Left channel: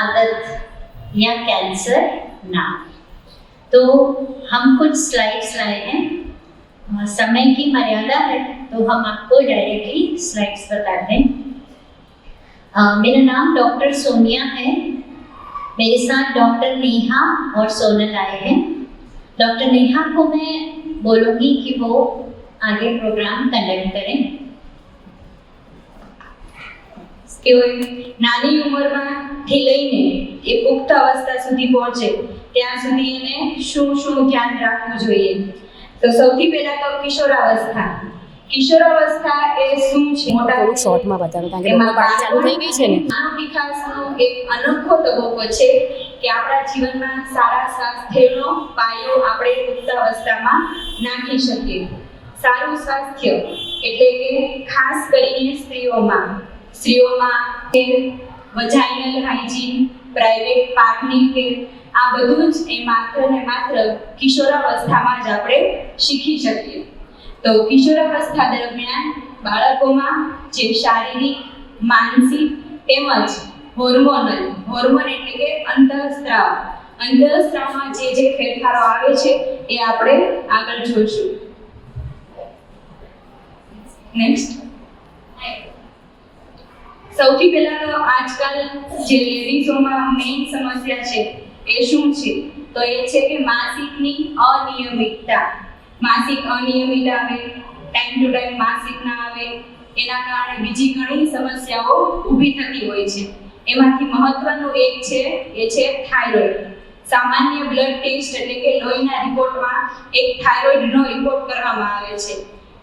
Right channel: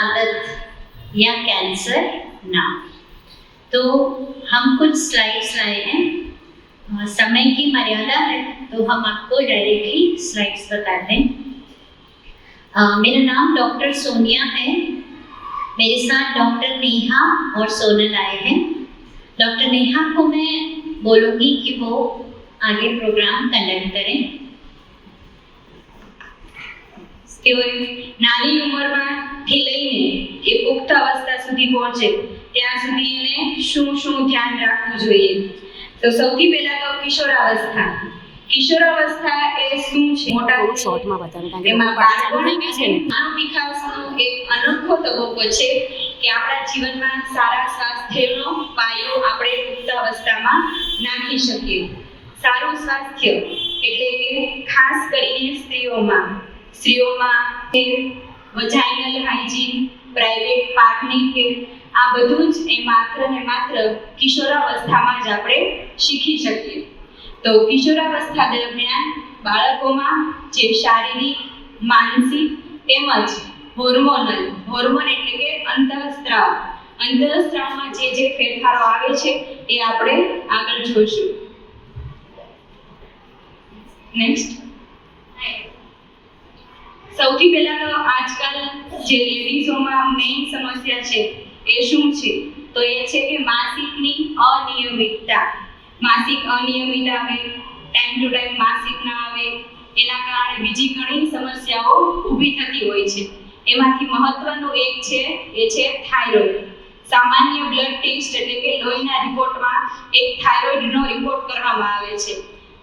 आदत या कैंसर नाम। तो हम कुछ स्लाइड्स लाए हैं, समय की मर्यादा है तो हम आपको डायरेक्टली स्लाइड्स बता दें। मेरा नाम डॉक्टर सोनिया है, मेरे साथ डॉक्टर नेहा और सोनल आए हैं। डॉक्टर नेहा को मैं बोलूँगी कि वो आगे प्रोग्राम कंडक्ट करें। કે નાની ઉંમરમાંથી લઈને એ પુખ્ત અવસ્થા સુધી પહોંચે ત્યાં સુધી એને શું ધ્યાન રાખવું જોઈએ? તો સૌથી પહેલા તો કિશોરાવસ્થા એ શું છે? મોટા શોર્ટમાં બતાવો કારણ કે એમાં ચાલુ થઈ ગઈ છે ને માનવ વિકાસનો એક અનોખો તબક્કો છે કે આપણા જીવનમાં સારા સ્વાસ્થ્યનો પાયો આપણે પુખ્ત અવસ્થામાં નાખી શકીએ। સારું સ્વાસ્થ્ય એટલે કે ખાસ કરીને સ્ત્રીઓમાં વજાઇનલ હાઇજીન, પ્રાઇવેટ પાર્ટની કેર, આ બધું જ એ માત્ર ને માત્ર કિશોરાવસ્થામાં જ આપણે શીખી શકીએ। તો કિશોરાવસ્થા દરમિયાન બાળકોમાં જે શારીરિક, માનસિક તેમજ હોર્મોન એટલે કે અંતઃસ્ત્રાવમાં જે ફેરફારો આવે છે એ આપણે આગળ જોઈશું। નેક્સ્ટ, સૌથી પહેલા તો આજકાલ જે લેડીઝોમાં મેઇન સમસ્યા છે એ શું છે? તો એ છે કે માસિકની અનિયમિતતા। માસિક અનિયમિત આવે, ટાઈમ ટુ ટાઈમ માસિક ના આવે, એના કારણે બીજી ઘણી સમસ્યાઓ ઊભી થતી હોય છે। એમાંથી મહત્વનું એક છે એ છે થાઇરોઇડ। સામાન્ય બ્લડ ટેસ્ટ એટલે કે લોહીના રિપોર્ટમાં એક થાઇરોઇડનો રિપોર્ટ કરવામાં આવે છે।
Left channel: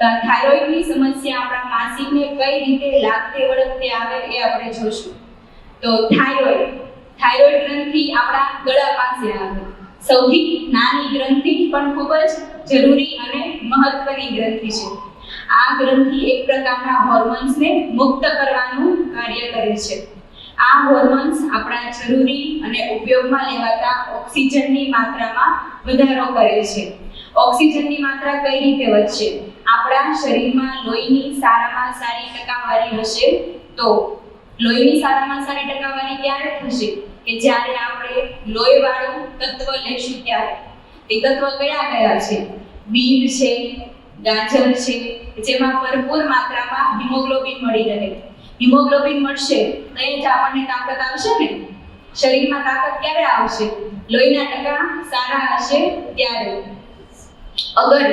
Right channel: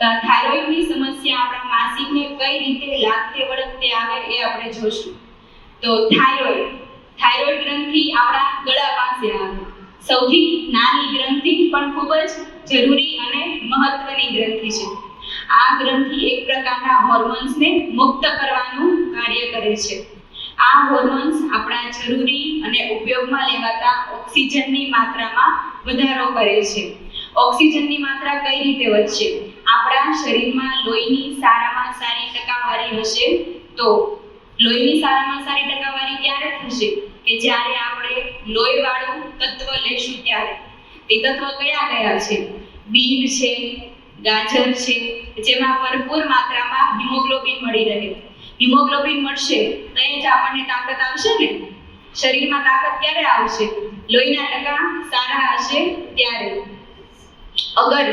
તો થાઇરોઇડની સમસ્યા આપણા માસિકને કઈ રીતે લાગતે વળગતે આવે એ આપણે જોશું। તો થાઇરોઇડ ગ્રંથિ આપણા ગળા પાસે આવે। સૌથી નાની ગ્રંથિ પણ ખૂબ જ જરૂરી અને મહત્વની ગ્રંથિ છે। આ ગ્રંથિ એક પ્રકારના હોર્મોન્સને મુક્ત કરવાનું કાર્ય કરે છે। આ હોર્મોન્સ આપણા જરૂરી અને ઉપયોગમાં લેવાતા ઓક્સિજનની માત્રામાં વધારો કરે છે। ઓક્સિજનની માત્રા કઈ રીતે વધશે? આપણા શરીરમાં લોહીની સારામાં સારી ટકાવારી હશે તો લોહીની સારામાં સારી ટકાવારી ક્યારે થશે? કે જ્યારે આપણે લોહીવાળું તત્વ લેશું ત્યારે। એ તત્વ કયા છે? બીટ છે, ગાજર છે, જેમાં ભરપૂર માત્રામાં હિમોગ્લોબિન મળી રહે। હિમોગ્લોબિન મળશે તો એ જ આપણને તાકાત આવશે ને। શરીરમાં તાકાત ક્યારે આવશે? લોહીના ટકા સારા હશે ત્યારે। અગર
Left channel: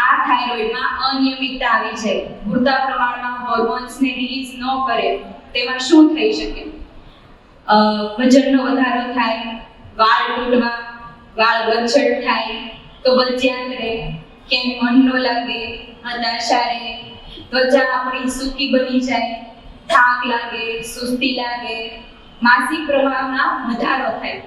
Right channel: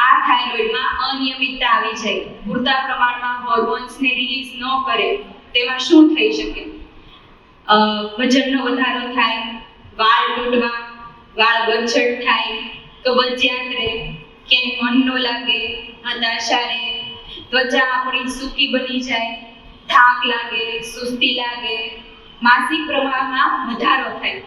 આ થાઇરોઇડમાં અનિયમિતતા આવી જાય, પૂરતા પ્રમાણમાં હોર્મોન્સને રિલીઝ ન કરે, તેમાં શું થઈ શકે? વજનનો વધારો થાય, વાળ તૂટવા, વાળ ગચ્છડ થાય, કબજિયાત રહે, ક્યાંય મન ન લાગે, હતાશા રહે, ત્વચા આપણી સૂકી બની જાય, થાક લાગે, સુસ્તી લાગે, માસિક પ્રમાણમાં વધારો થાય,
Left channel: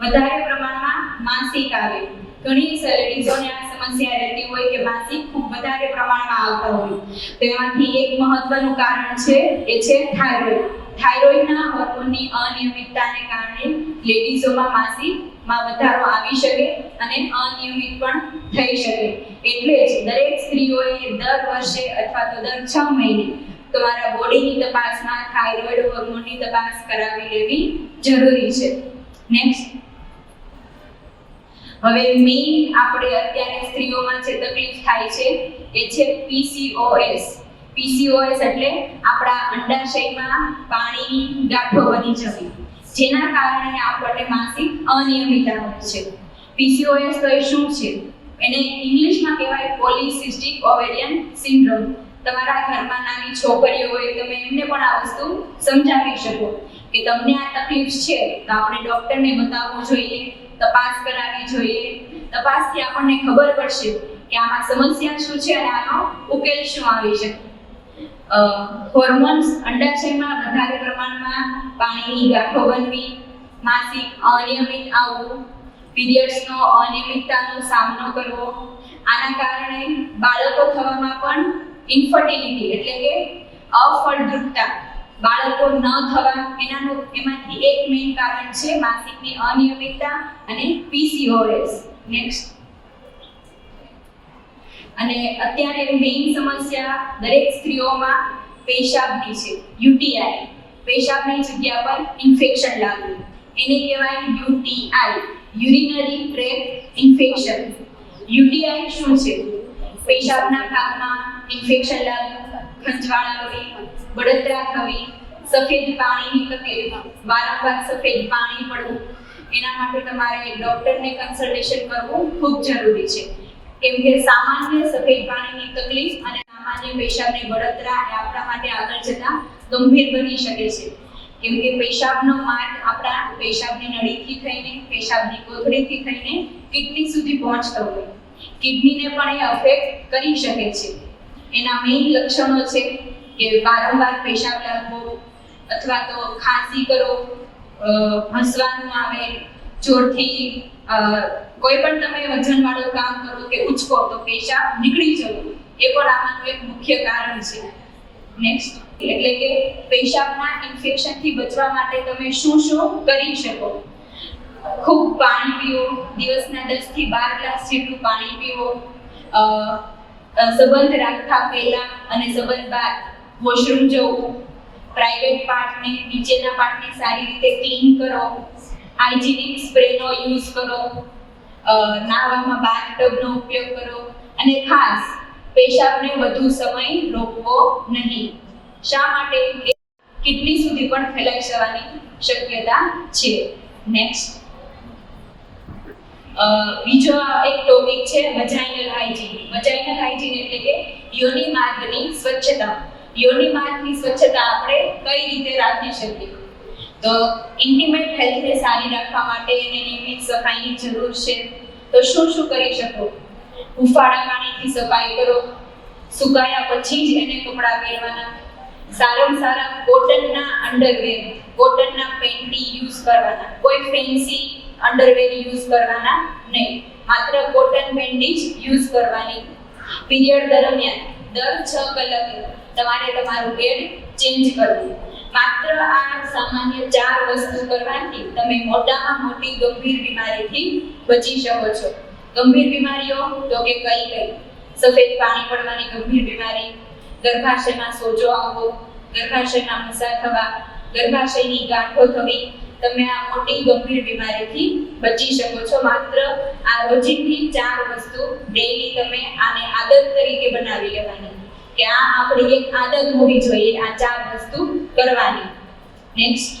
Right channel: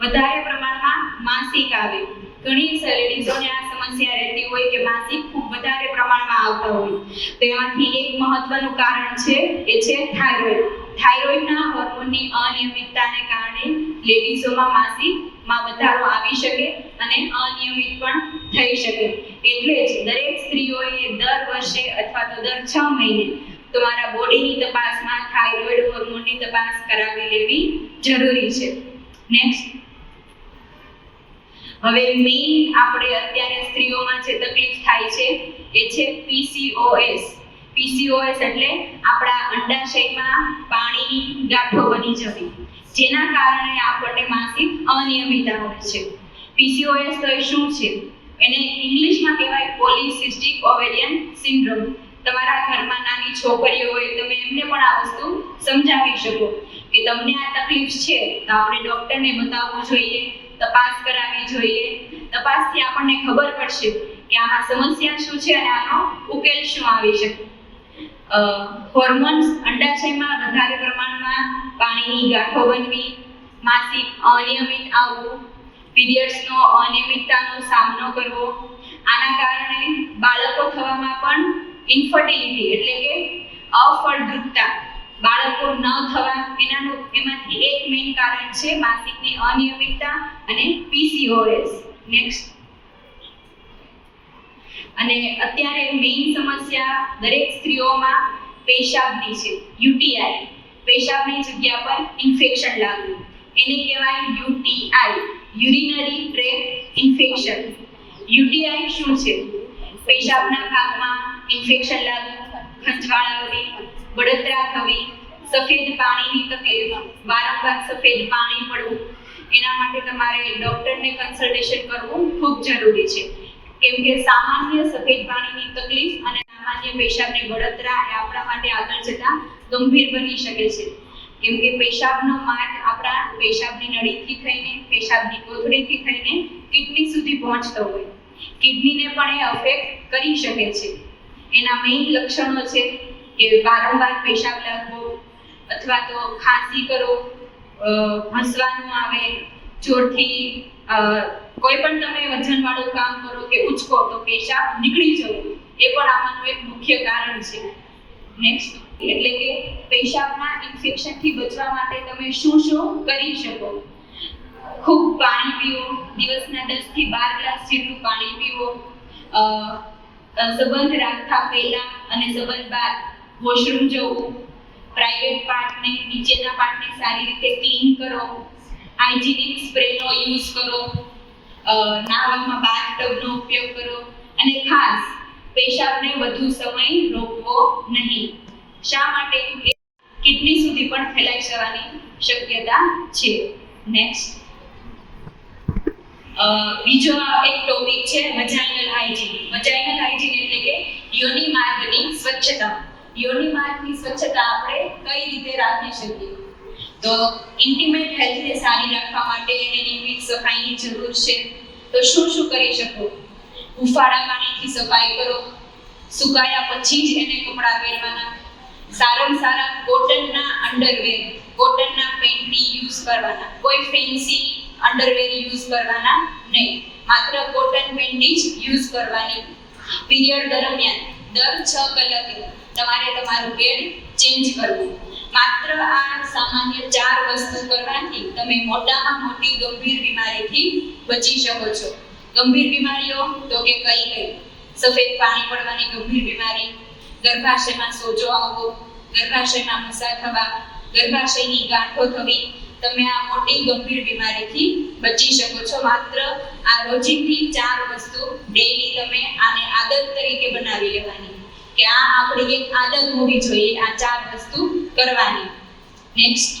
વધારે પ્રમાણમાં માસિક આવે। ઘણી લેડીઝોને આ સમસ્યા રહેતી હોય કે માસિક ખૂબ વધારે પ્રમાણમાં આવતા હોય, તેમાંથી એક મહત્વનું કારણ છે એ છે થાઇરોઇડ। થાઇરોઇડના હોર્મોનની અનિયમિતતાને કારણે લેડીઝોમાં માસિકમાં વધારો આવી શકે અને અનિયમિત પણ થઈ શકે। એટલે જ દરેક સ્ત્રીઓએ દર વર્ષે અથવા તો દર 6 મહિને તમારા બોડીની તપાસમાં થાઇરોઇડ હોર્મોનની તપાસ કરાવી લેવી જરૂરી છે। નેક્સ્ટ, હવે મેઇન આપણે અત્યારે સ્ત્રીઓમાં જે તકલીફ થાય છે એ છે PCOS એટલે આપણા અંડાશયમાં પાણીની ગાંઠો બની જવી, જેના કારણે આપણને માસિક અનિયમિત આવે છે। PCOS તો એ શું છે? એને ઇંગ્લિશમાં કહેવાય પોલિસિસ્ટિક ઓવેરિયન સિન્ડ્રોમ। તમારા ઘરમાં નાની છોકરીઓ હોય, તમે એમને પણ આ વસ્તુ સમજાવી શકો કે તમને આ તકલીફ છે તો આપણે ડોક્ટરને બતાવવું જોઈએ, તપાસ કરાવવી જોઈએ। તપાસથી આપણને ખબર પડશે કે આમાં સમસ્યા શું છે અને આનો ઉકેલ શું આવી શકે। હોર્મોન્સ અંડાશયમાં વધારે પ્રમાણમાં પાણીની ગાંઠો બનવી, માસિક અનિયમિત આવવું, પીરિયડ્સનો અનિયમિતતાનો સામનો કરવો, આના કારણે બાળકો થવામાં પણ ઇન્ફર્ટિલિટી એટલે કે અફળદ્રુપતા, બાળકો ન થવા, એમાંથી એક મેઇન કારણ છે માસિકની અનિયમિતતા અને PCOS। નેક્સ્ટ, અને અત્યારે મેઇન સમસ્યા દરેક સ્ત્રીઓમાં પેશાબની છે, UTI, પેશાબની જગ્યા પર ઇન્ફેક્શન લાગવું। એને કહેવાય UTI, urinary tract infection. UTI શું છે? પેશાબના ભાગમાં ઇન્ફેક્શન લાગવું, ખંજવાળ આવવી, બળતરા થવી, સફેદ પાણીની તકલીફ, વારંવાર સફેદ પાણી પડવું. એના માટે તમારે ડોક્ટરને કન્સલ્ટેશન કરવું ખૂબ જરૂરી છે, કેમ કે સામાન્ય સફેદ પાણીની તકલીફ અને સામાન્ય પેશાબની બળતરા એ આપણા માટે આગળ જતા ગંભીર બની શકે છે, કેમ કે પેશાબનો માર્ગ આપણા પેશાબની નળીથી થઈને, પેશાબની કોથળીથી થઈને કિડની સુધી પહોંચતો હોય. કિડનીને પણ એ અફેક્ટ કરી શકે છે. એના મેઇન લક્ષણો છે કે વારંવાર પેશાબ લાગવો, અથવા તો ખાંસી કરો, હસવાનું આવે, જોરથી કોઈ પણ તમે વજનવાળું કામ કરો કે ઉચકો તો પેશાબ નીકળી જવું, એ પણ આમાંનું એક મુખ્ય કારણ છે. નેક્સ્ટ, એટલે કે પેશાબના ઇન્ફેક્શનથી બચવા માટે તમે શું શું કરી શકો? ખૂબ પાણી પીવો, દિવસના 10 થી 12 ગ્લાસ જેટલું પાણી પીવો. સંબંધ રાખતા પહેલા અને સંબંધ બાદ વોશરૂમ જવું, પ્રાઇવેટ પાર્ટને, નીચેના પાર્ટને સારી રીતે ક્લીન કરો, હાઇજીનિક સ્પ્રેનો યુઝ કરો, નાહવામાં બાથટબનો ઉપયોગ કરો, અને ખાસ પેશાબને વધુ સમય રોકવો નહીં. શા માટે? કિડની સુધી પણ ફેલાઈ જવાની શક્યતા છે. નેક્સ્ટ, બીજો એક ટોપિક છે વજાઇનલ હાઇજીન. વજાઇનલ હાઇજીન એટલે કે યોનિ માર્ગની સ્વચ્છતા. યોનિ માર્ગની સ્વચ્છતા આપણે કઈ રીતે રાખી શકીએ? તો ઇન્ટિમેટ હેલ્થને સારી રાખવા માટે એને નિયમિત સફાઈની જરૂર છે. તો શું શું કરી શકો? હુંફાળા પાણીથી સફાઈ કરો, સુકાયા પછી જ એને કપડાં પહેરવાના, સારામાં સારા કોટનના અંડરવેર, કોટનના પેન્ટી યુઝ કરવાના, કોઈ ફેન્સી અંડરવેર યુઝ કરવાના નહીં, માત્ર કોટન પેન્ટી જ યુઝ કરવાની. પીરિયડ દરમિયાન દર 6 કલાકે તમારે તમારું પેડ ચેન્જ કરવું. માત્ર આ સામાન્ય 4 વસ્તુ કરવાથી તમે મોટામાં મોટી ગંભીર બીમારીથી બચી શકો છો. ગંભીર બીમારીઓ તો કે કઈ? સફેદ પાણી પડવાની ગંભીર બીમારી, ગર્ભાશયમાં સોજો આવવો, ગર્ભાશયમાં મસા થવા, ગર્ભાશયની ગાંઠો થવી. તમે આ મોટી ગંભીર બીમારીથી બચી શકો છો. માત્ર આ રોજિંદી 4 વસ્તુ ડેઈલી તમે આને આદત તરીકે બનાવી લેવાની, કે આ આપણી એક આદત હોવી જોઈએ આ 4 વસ્તુ કરવાની. નેક્સ્ટ,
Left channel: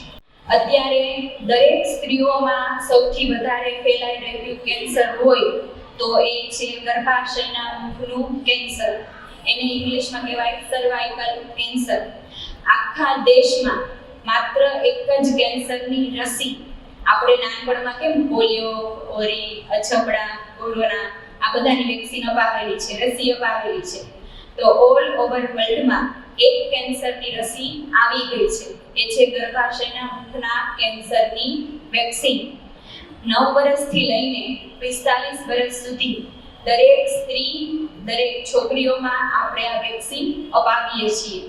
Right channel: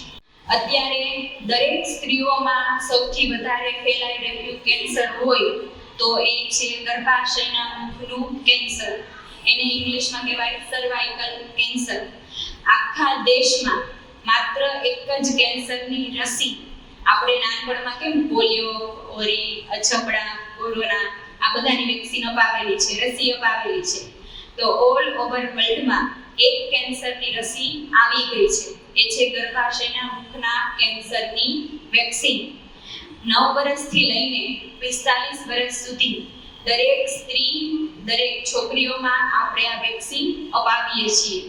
અત્યારે દરેક સ્ત્રીઓમાં સૌથી વધારે ફેલાઈ રહેલું કેન્સર હોય તો એ છે ગર્ભાશયના મુખનું કેન્સર. એને ઇંગ્લિશમાં કહેવાય સર્વાઇકલ કેન્સર. આખા દેશમાં માત્ર એક જ કેન્સરની રસી, આપણે નાનપણમાં કેમ પોલિયો, ઓરી, અછબડા, કોરોના આ બધાની વેક્સિન અપાવેલી છે, રસી અપાવેલી છે. તો ઓલ ઓવર વર્લ્ડમાં એક કેન્સરની રસી આવી ગઈ છે, એ છે ગર્ભાશયના મુખના કેન્સરની વેક્સિન. 9 વર્ષથી લઈને 45 વર્ષ સુધી દરેક સ્ત્રી, દરેક છોકરીઓમાં આપણે આ વેક્સિન અપાવીએ છીએ.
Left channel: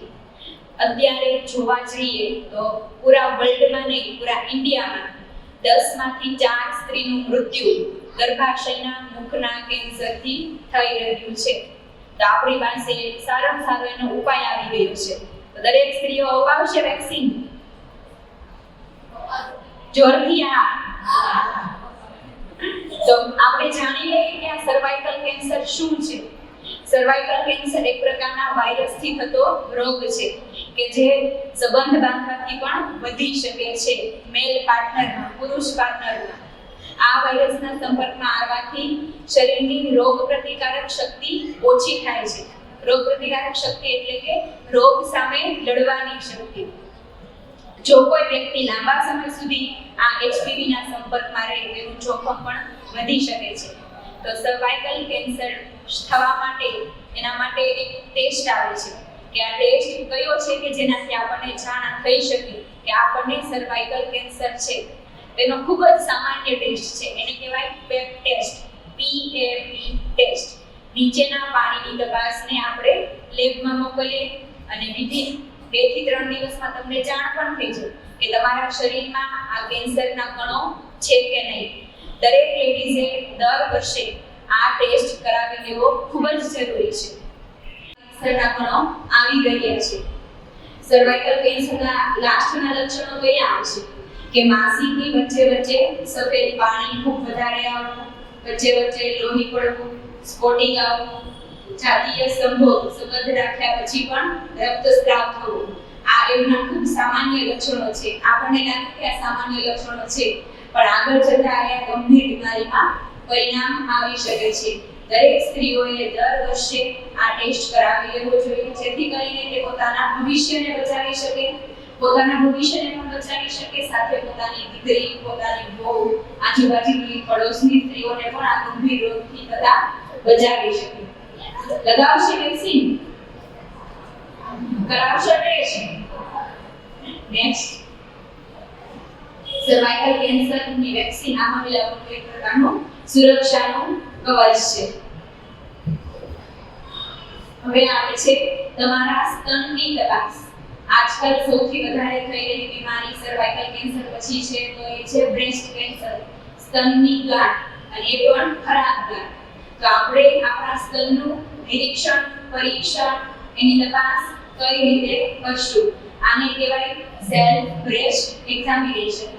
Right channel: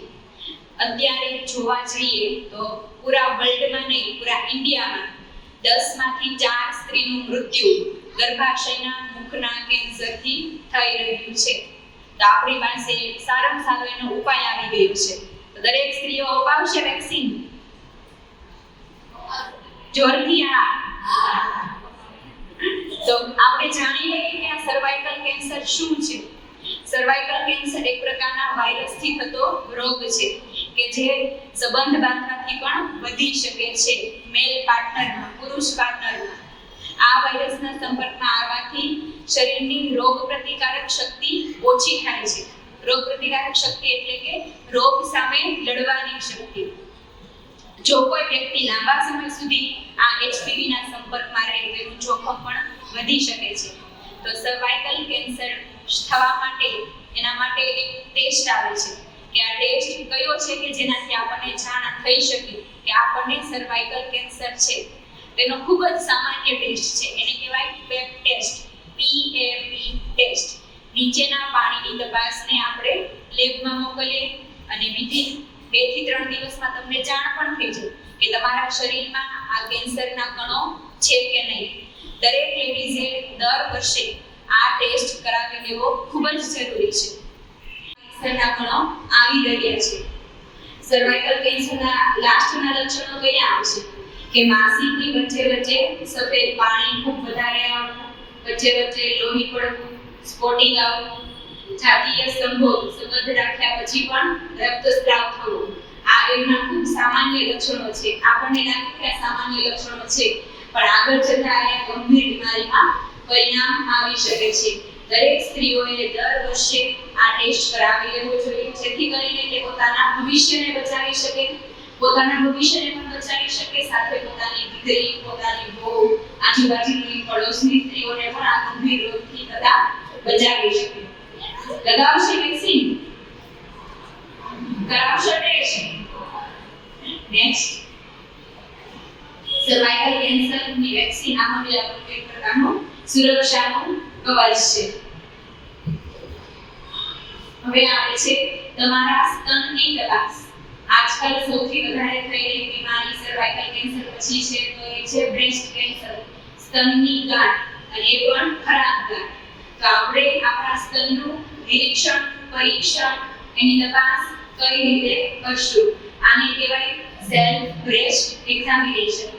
અત્યારે જોવા જઈએ તો પૂરા વર્લ્ડમાં નહીં, પૂરા ઇન્ડિયામાં 10 માંથી 4 સ્ત્રીનું મૃત્યુ ગર્ભાશયના મુખના કેન્સરથી થઈ રહ્યું છે. તો આપણી પાસે સારામાં સારો એનો ઉપાય આવી ગયો છે. તો દરેક સ્ત્રીઓ અપાવશે વેક્સિન? જોરથી આ. તો આપણે જાણી લઈએ કે આ સર્વાઇકલ કેન્સર શું છે. સર્વાઇકલ કેન્સર એક પ્રકારના વાયરસથી થતો રોગ છે કે જે સંબંધ બાંધવાથી પણ વધી શકે છે મેલ પાર્ટનરમાં, પુરુષ પાર્ટનરમાં. આ વાયરસના સંપર્કમાં આવવાથી શરીરની રોગ પ્રતિકારક શક્તિ ઓછી થાય છે. રોગ પ્રતિકારક શક્તિ એટલે કે રોગ સામે લડવાની શક્તિ. જો કોઈ વ્યક્તિ લાંબા સમય સુધી આ HPVના સંપર્કમાં રહે તેનું જોખમ પણ વધી શકે છે. તો સર્વાઇકલ કેન્સર થવા માટે એના માટે એક ટેસ્ટ આવે છે કે આ ટેસ્ટ કયો છે કે જેનાથી આપણને જાણ થઈ શકે કે આપણને સર્વાઇકલ કેન્સર છે. તેનો ખૂબ જ સામાન્ય ટેસ્ટ છે, એને કહેવાય પેપ ટેસ્ટ, PAP ટેસ્ટ. નીચેના પાણીની તપાસને આપણે લેબમાં મોકલીએ અને વિધિન 2 થી 3 દિવસમાં તમને જાણ પણ થઈ જાય કે તમારા શરીરમાં આ કેન્સરના કણો છે કે નહીં. દરેક લેડીઝે દર વર્ષે આ ટેસ્ટ કરાવી લેવો ખૂબ જ જરૂરી છે. કેન્સરના કણો આવી રહ્યા છે. સર્વાઇકલ કેન્સરના લાસ્ટના લક્ષણો કયા આવે છે? કે માસિકની વચ્ચે સફેદ પાણી ખૂબ વધારે આવવું, વચ્ચે લોહી પડવું, સ્પોટિંગ આવવું, જાતીય સ્તંભો સંબંધ રાખ્યા પછી પણ રક્તસ્રાવ થવો, આ એમના ખૂબ સામાન્ય લક્ષણો છે. આપણને લાગે કે આ સામાન્ય લક્ષણો છે, પણ આગળ જતા આ ગંભીર બીમારીમાં પરિણામ આવી શકે છે. દરેક સ્ત્રીઓએ દર વર્ષે આ ટેસ્ટ કરાવી લેવો જોઈએ, જેથી કરીને તે પોતાના ભવિષ્યને બચાવી શકે, પોતાના ભવિષ્યને પણ બચાવી શકે, સાથે પોતાની દીકરી, પોતાની વહુ, આજુબાજુની પડોશની સ્ત્રીઓને પણ આ ગંભીર રોગથી તથા બચાવી શકે. લગાવશે વેક્સિન, કરાવશે ટેસ્ટ. નેક્સ્ટ, સર્વાઇકલ કેન્સરની વેક્સિન આ મહિલાઓનું એક પ્રકારનું સુરક્ષાનું કવચ છે. હવે આવે છે તમારા સ્તનની તપાસ. આજકાલ સૌથી વધારે થઈ રહી બીમારી સર્વાઇકલ કેન્સર પછી છે તો એ છે બ્રેસ્ટ કેન્સર, સ્તનની ગાંઠ, અને એ પણ ખરાબ ગાંઠ. તો આપણે આપણા સ્તનનું નિરીક્ષણ, પરીક્ષણ, એની તપાસ કઈ રીતે કરશું? આને કહેવાય સેલ્ફ બ્રેસ્ટ એક્ઝામિનેશન.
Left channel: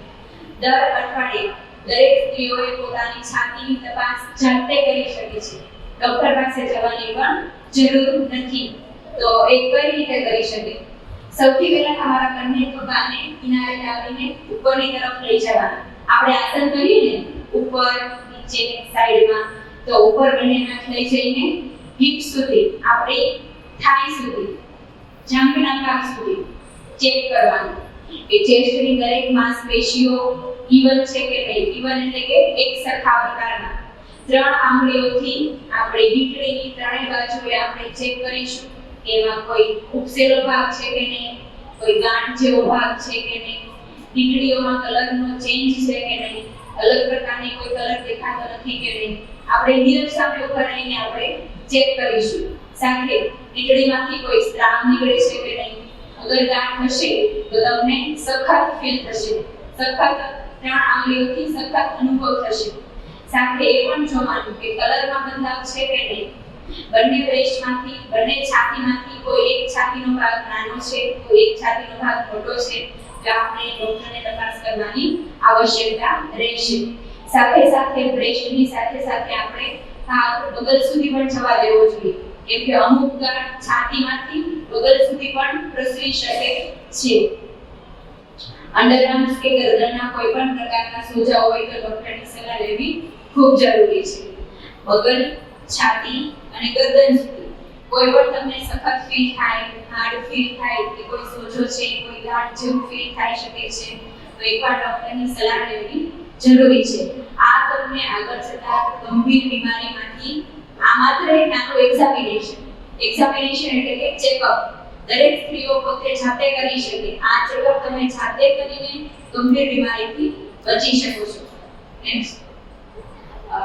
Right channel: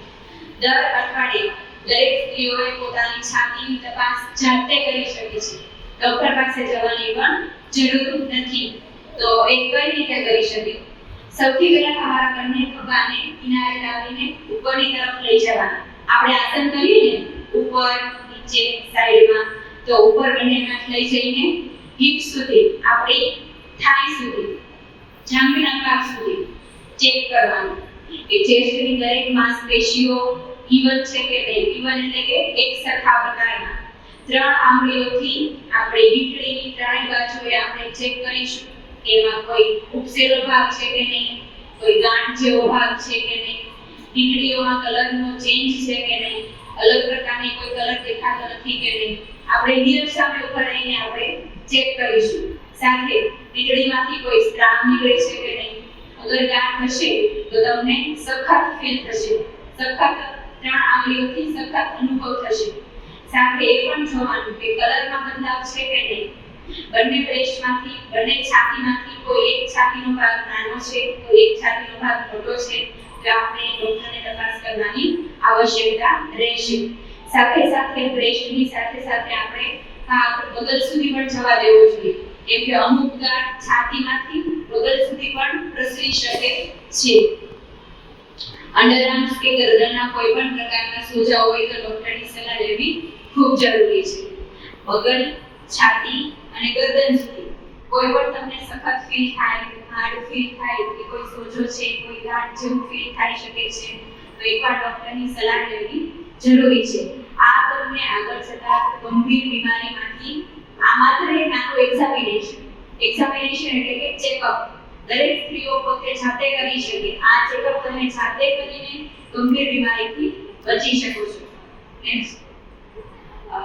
દર અઠવાડિયે દરેક સ્ત્રીઓએ પોતાની છાતીની તપાસ જાતે કરી શકે છે. ડોક્ટર પાસે જવાની પણ જરૂર નથી. તો એ કઈ રીતે કરી શકે? સૌથી પહેલા તમારા બંને ખભાને કિનારે લાવીને ઉપરની તરફ લઈ જવાના. આપણે આસન કરીએ ને ઉપર, નીચે, સાઈડમાં, તો ઉપર બંને હાથ લઈ જઈને હિપ સુધી, આપણી થાઈ સુધી, જાંઘના ભાગ સુધી ચેક કરવાનું કે ચેસ્ટની દરેક માંસપેશીઓ ઇવન છે કે નહીં. ઇવન એટલે કે એક સરખા પ્રકારના. 3 આંગળીઓથી આપણે વીંટળીની ત્રણેય બાજુએ આપણે ચેક કરીશું કે એમાં કોઈ ઉપસેલો ભાગ છે કે નહીં, કોઈ ગાંઠ જેવો ભાગ છે કે નહીં, વીંટળીઓમાં કલરનો ચેન્જ છે કે નહીં, અલગ પ્રકારની કોઈ કલર દેખાતો નથી કે નહીં. આપણે નીરસ સામે ઉપર રહીને આપણે ચેક કરીશું. સાથે વીંટળીમાંથી કોઈ સ્ત્રાવ નીકળે છે કે નહીં. અગર ગાંઠ હશે તો તમને સખત ફીલ થશે, સખત 3 આંગળીઓથી સખત અનુભવ થશે. સાથે એ પણ જોવાનું કે કલરમાં બદલાવ છે કે નહીં. બંને બ્રેસ્ટમાંથી, બંને છાતીમાંથી કોઈ એક છાતીનો ભાગ નાનો છે, કોઈ એક છાતીનો ભાગ મોટો છે, તો આપણે ડોક્ટરને તપાસ કરવાની આવશ્યકતા રહેશે. સાથે સાથે બ્રેસ્ટની સાથે સાથે આપણે હાથ બગલ સુધી પણ જવા દેવો જોઈએ. કેમ કે અમુક ગાંઠ છાતીમાંથી બગલ સુધી પણ પ્રસરી શકે છે. અંડરઆર્મ્સ કે ગરદનના કોઈ પણ પ્રકારના સોજા હોય તો ડોક્ટરની સલાહ લેવી ખૂબ જરૂરી છે. બગલ, છાતી અને ગરદન સુધી કોઈ પણ તમને સખત ફીલ થાય, હાર્ડ ફીલ થાય કે કોઈ સોજો છે, કોઈ ગાંઠ જેવું ફીલ થઈ શકે છે, તો એકવાર ડોક્ટરની સલાહ લેવી જરૂરી છે. આ તમને આગળ જતા ગંભીર બીમારીમાંથી આ માત્ર એક નાનું એક્ઝામિનેશન એટલે કે ચેકઅપ દરેક સ્ત્રીઓ પોતે જાતે કરી શકે. આ ચેકઅપ તમે જાતે કરીને ગંભીર બીમારીથી બચી શકો છો. નેક્સ્ટ,